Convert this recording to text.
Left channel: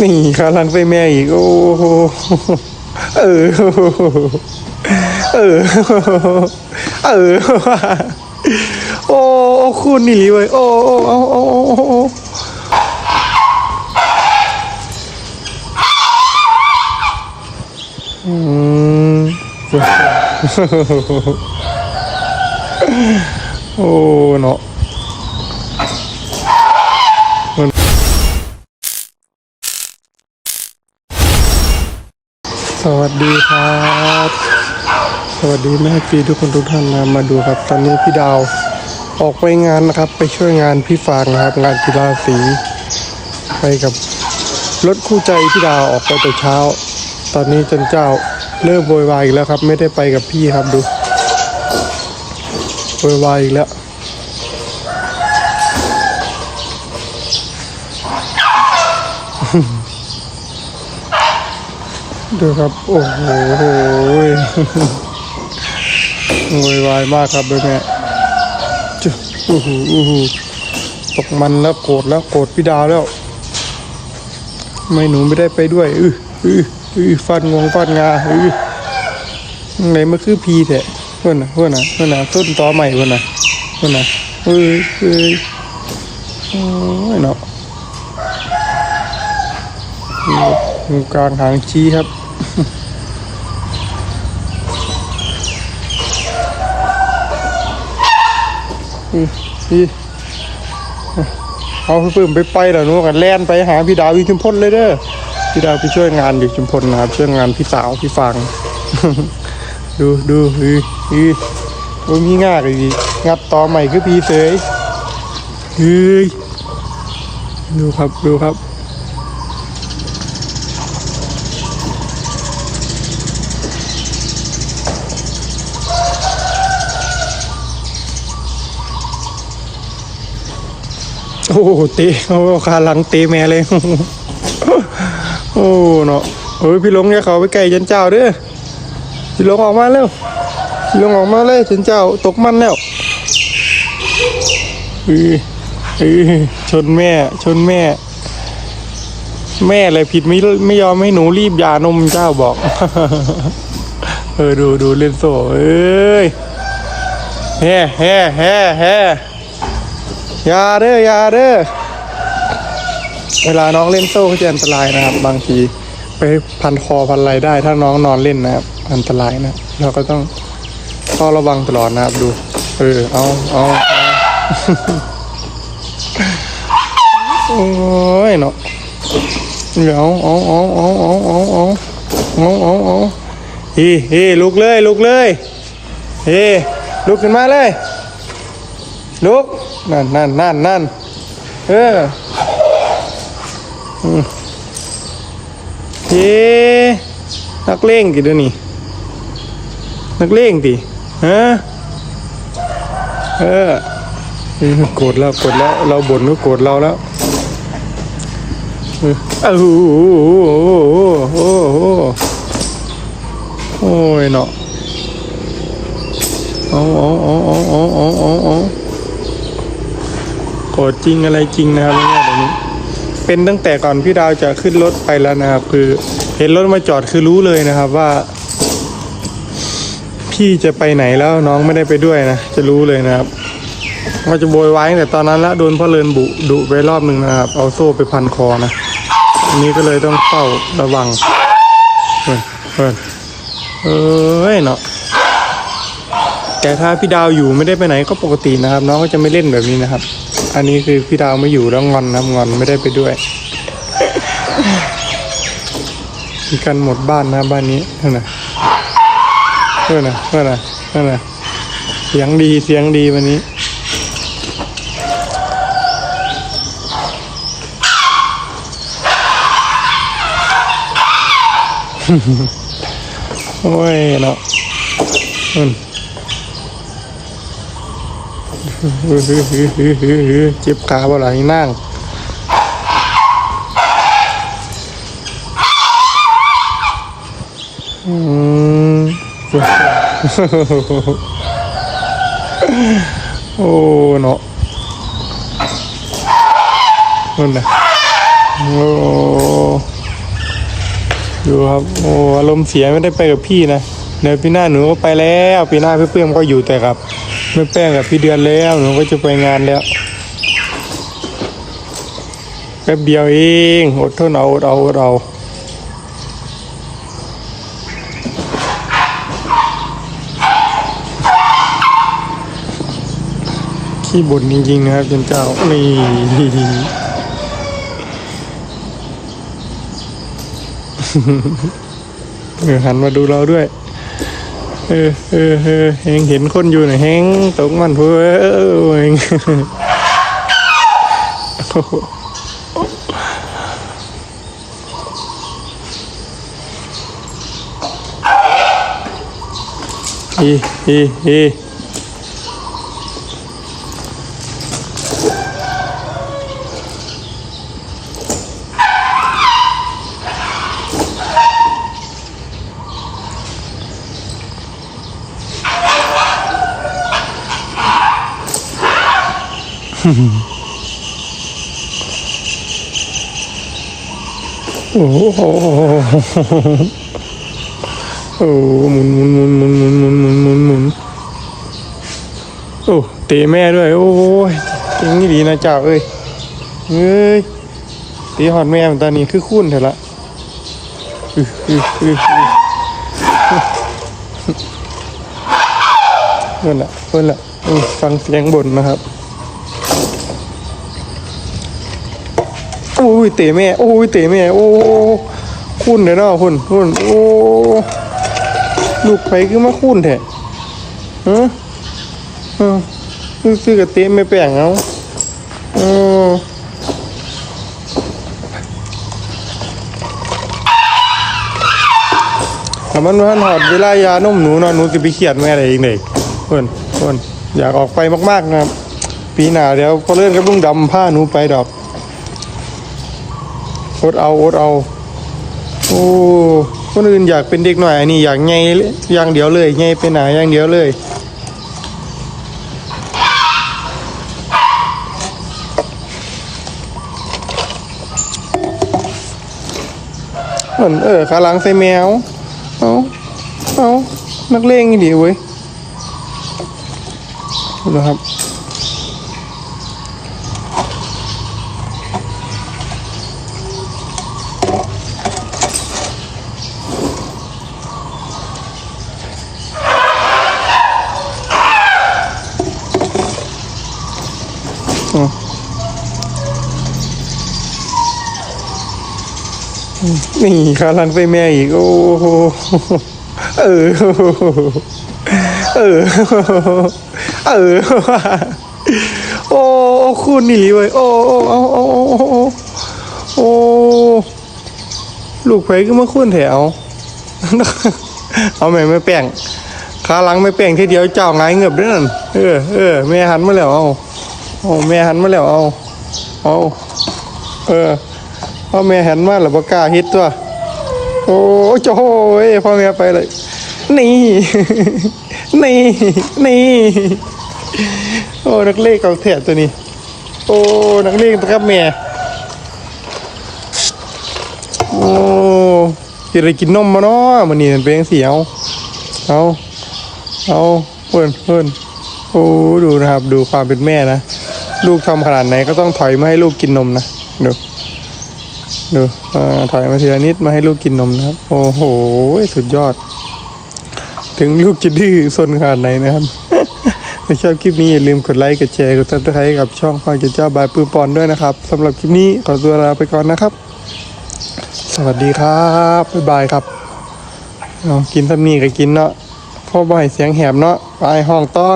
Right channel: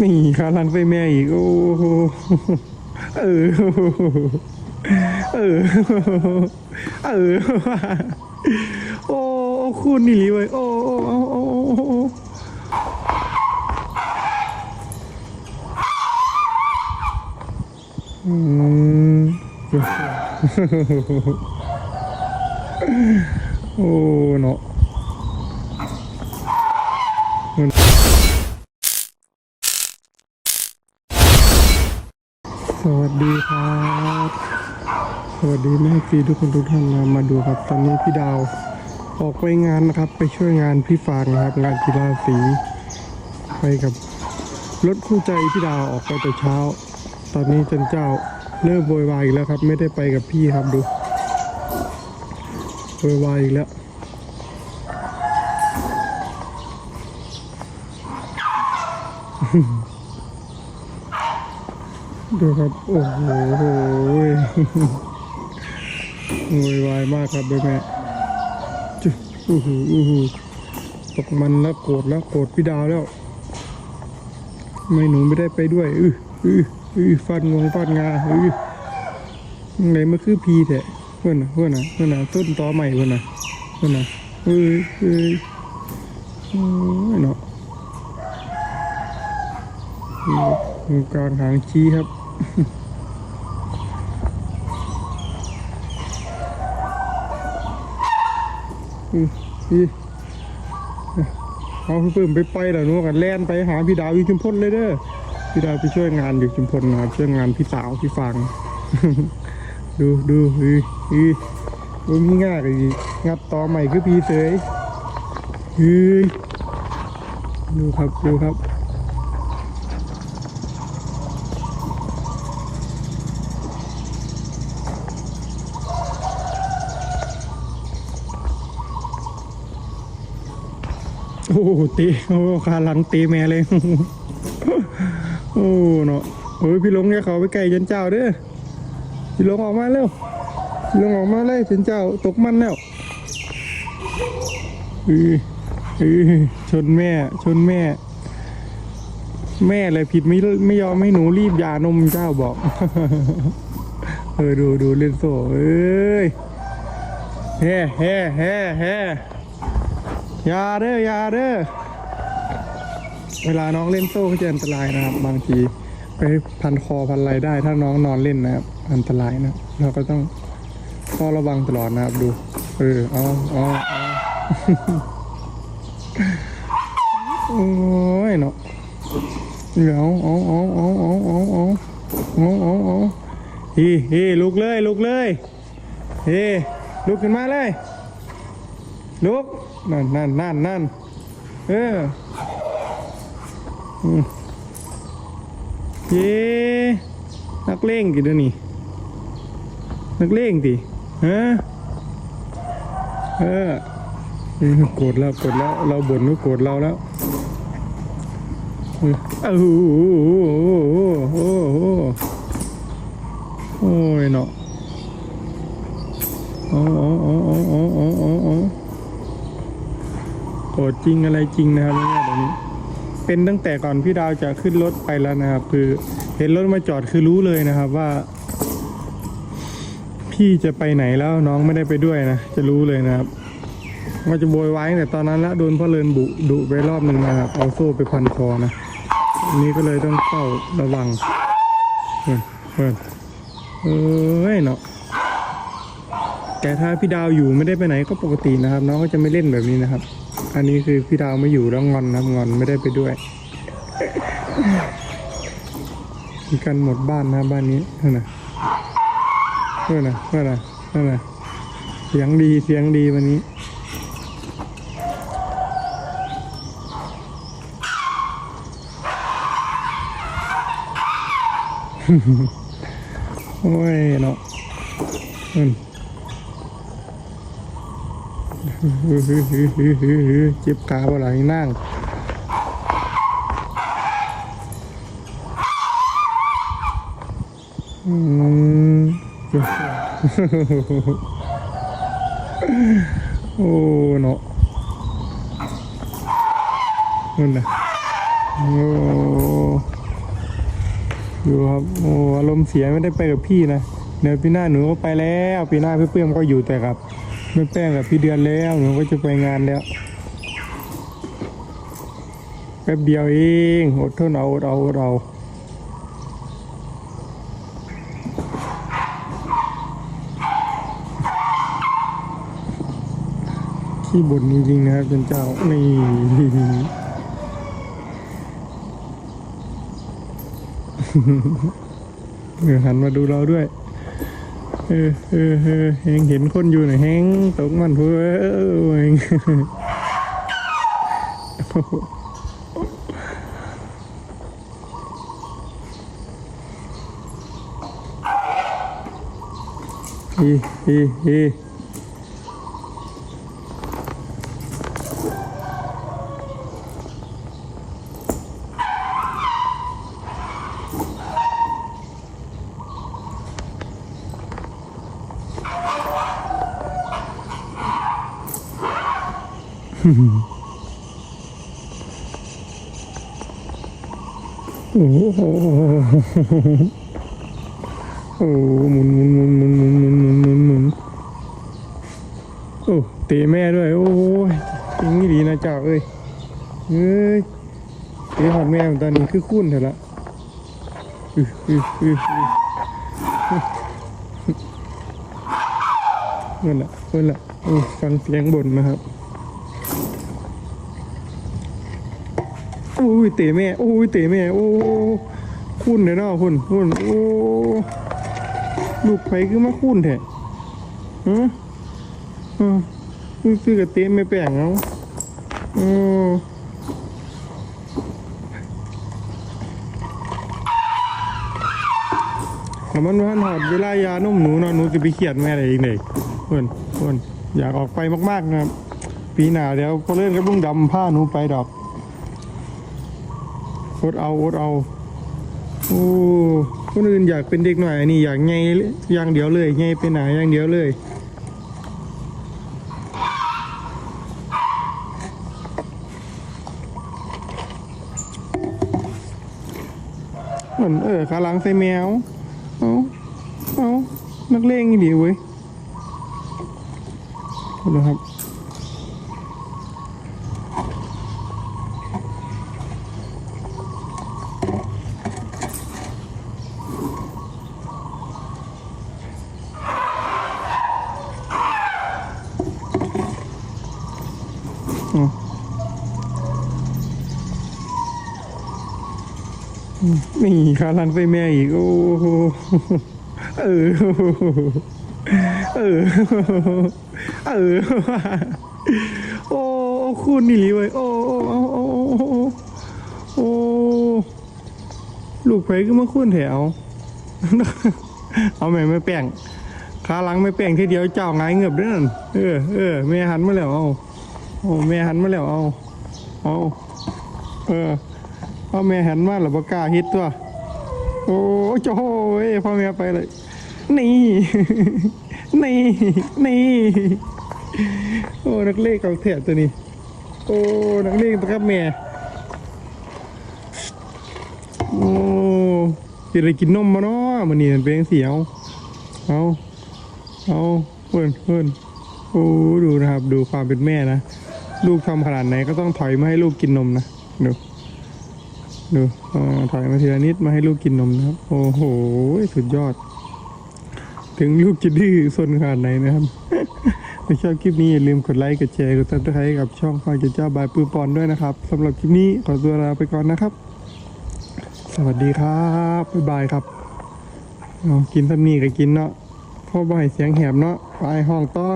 นี่ขาลังไปแม่อีก โอ้โหเออ เออ เออ โอ้คุณนี่ลีเว้ย โอ้โอ้โอ้โอ้โอ้โอ้อืมโอ้เนาะ สวัสดีครับ สวัสดีแม่ปีทุกคนทุกท่านนะมาดูครับตอนนี้พี่ดาวออกไปงานนะครับ ไปช่วยงานพี่ฟางนะครับ งานกีฬาสี ไปกับรถคู่ใจพี่ดาวออกไปแต่เช้า ตอนนี้จนเจ้าเริ่มโวยวายอีกแล้วครับ ไม่ได้ไปกับพี่ครับดูโวยวายอีกแล้ว ดูครับ โอ้โหโวยวายมากครับแม่แม่จุ๊อู้หูอู้หูตกมันแล้วโกรธแล้วโกรธพี่ดาวแล้วไม่หนูไม่ได้ไปด้วยอืออืออือฟันงวงฟันงาอือไหนมันคือพีแท้เพื่อนนะเพื่อนนะเพื่อนนะต้นตอใหม่เพื่อนนะเพื่อนนะเอ้ยเอ้ยโอ้ยเนาะอยู่กลางหางชี้ครับ พี่เอาพี่ปื้มไปไปแล้วนูกันแล่นไปหาพี่ดาวอีชุมพลเลยเด้อพี่ดาวไปช่วยงานอยู่ชุมพลนะครับช่วยงานพี่สาวพี่ฟัง ดูดูอืออือโอ้มีง่าเลยดิงัดต่อใหม่คือพี่เสยเฮ้ยดูครับดูครับ โอ้โหตะเอาขาหลังตะแม่เลย โอ้เนาะเฮ้ยพี่ลงอย่าเขาไปไกลจันเจ้าเด้อพี่ลงออกมาเร็วพี่ลงออกมาเลยจันเจ้าตกมันแล้วเฮ้ยเฮ้ยชนแม่ ชนแม่ แม่อะไรผิดไม่ไม่ยอมให้หนูรีบยานมเจ้าบอก เออดูดูเล่นโซ่เอ้ยแฮ่แฮ่แฮ่แฮ่ อย่าเด้ออย่าเด้อเวลาน้องเล่นโซ่ก็จะอันตรายนะครับ บางทีไปพันคอพันอะไรได้ ถ้าน้องนอนเล่นนะครับ อันตรายนะ เราก็ต้องเฝ้าระวังตลอดนะครับดู เออเอาเอาเอาโอ้ยเนาะเดี๋ยวเอาเอาเอาเอาเอาเอาเอาเอาเอาเฮ้เฮ้ลุกเลยลุกเลยเฮ้ลุกขึ้นมาเลยลุก นั่นนั่นนั่นนั่นเอออืมเฮ้นักเลงกี่เดียวนี้นักเลงดิฮะเออเออโกรธแล้วโกรธแล้ว เราบ่นก็โกรธเราแล้วเอออ้าวโอ้โห จริงอะไรจริงนะครับเนี่ยเดี๋ยวนี้ เป็นตั้งแต่ก่อนพี่ดาวจะขึ้นรถไปแล้วนะครับ คือเห็นรถมาจอดคือรู้เลยนะครับว่า พี่จะไปไหนแล้วน้องไม่ได้ไปด้วยนะจะรู้เลยนะครับว่าจะโวยวายแต่ตอนนั้นละโดนพ่อเลินบุดุไปรอบหนึ่งนะครับ เอาโซ่ไปพันคอนะอันนี้ก็เลยต้องเฝ้าระวังเฮ้ยเฮ้ยเอ้ยเนาะ แต่ถ้าพี่ดาวอยู่ไม่ได้ไปไหนก็ปกตินะครับ น้องก็จะไม่เล่นแบบนี้นะครับ อันนี้คือพี่ดาวไม่อยู่แล้วงอนนะครับงอนไม่ได้ไปด้วยมีกันหมดบ้านนะบ้านนี้นั่นนะเพื่นนะเพื่นนะนั่นนะเสียงดีเสียงดีวันนี้โอ้ยเนาะอืม เจ็บขาบ่หลังนั่งอืมโอ้เนาะนั่นนะโอ้ดูครับโอ้อารมณ์เสียไม่ได้ไปกับพี่นะเดี๋ยวปีหน้าหนูก็ไปแล้วปีหน้าพี่เปื้มก็อยู่แต่กับ แม่แป้งกับพี่เดือนแล้วหนูก็จะไปงานแล้วแป๊บเดียวเองอดทนเอาอดเอาอดเอาขี้บ่นจริงๆนะครับเจ้าเจ้านี่เออหันมาดูเราด้วย เออเออเออเฮงเห็นคนอยู่นะเฮงตกมันเพื่อเออเฮงอีอีอี โอ้โหโอ้หมุนหมุนหมุนหมุนหมุนหมุนหมุนหมุนหมุนโอ้เตะแม่ด้วย โอ้ยเก่งนี่ดีนะเจ้าเอ้ยเอ้ยตีหอดแม่ตอนนี้คือคุ้นเถอะละอืออืออือเพื่อนละเพื่อนละฟังเสียงบ่นนะครับ โอ้ ยเตะแม่โอ้ยเตะแม่โอ้คุ้นเลยเนาะคุณคุณโอ้ลูกไปคือมาคุ้นแท้ฮะเออซื้อกับเตะไม่แปลงเอาเออถ้ามันพันหอดเวลายานุ่มหนูนอนหนูจะไปเขียดแม่อะไรอีกเด็กเพื่อนเพื่อนอยากออกไปมากๆนะครับ ปีหน้าเดี๋ยวพอเลื่อนกับลุงดำผ้าหนูไปดอก อดเอาอดเอา โอ้ คนอื่นอยากเป็นเด็กหน่อยอันนี้อยากไงอย่างเดียวเลยไงเป็นหนาอย่างเดียวเลย เหมือนเออขาหลังใส่แมว เอาเอานักเลงนี่ดีเว้ยนะครับ นี่ขาลังใส่แม่อีก โอ้โหเออ เออ เออ โอ้คุณนี่เว้ยโอ้โอ้โอ้โอ้โอ้โอ้โอ้ลูกไผก็มาคุ้นแถวเอาแม่ไม่แป้งขาลังไม่แป้งทีเดียวเจ้าไงเงือบเด้อนั่นเออเออแม่หันมาแล้วเอา เอาแม่หันมาแล้วเอาเอาเออพ่อแม่หันมาแล้วบ่กล้าฮิตตัวโอ้โจ้ยพ่อแม่ไปเลย นี่ นี่ นี่ โอ้นักเลงเอาแถบตัวนี้ โอ้นักเลงตะกับแม่โอ้กินอะไรกินนมมาเนาะมันนี่มันเป็นจังสีเอาเอาเอาเพื่อนเพื่อนโอ้ดูนะครับ ดูความเป็นแม่นะ ลูกทำขนาดไหนก็ต้องถอยมาให้ลูกกินนมนะดูดูอถอยมาทีละนิดมาให้ลูกกินนมนะครับ โอ้โหสุดยอด ถึงลูกจะดื้อซนขนาดไหนนะครับถ้าชอบคลิปนี้อย่าลืมกดไลค์กดแชร์กดซับสไครต์กับช่องฟังเจ้าบายปื้มปอนด้วยนะครับสำหรับคลิปนี้ขอตัวลาไปก่อนนะครับ สวัสดีครับบ๊ายบายครับกินทำนี่ก็กินเนาะพ่อบ่อยเสียงแหบเนาะไปห้องต่อ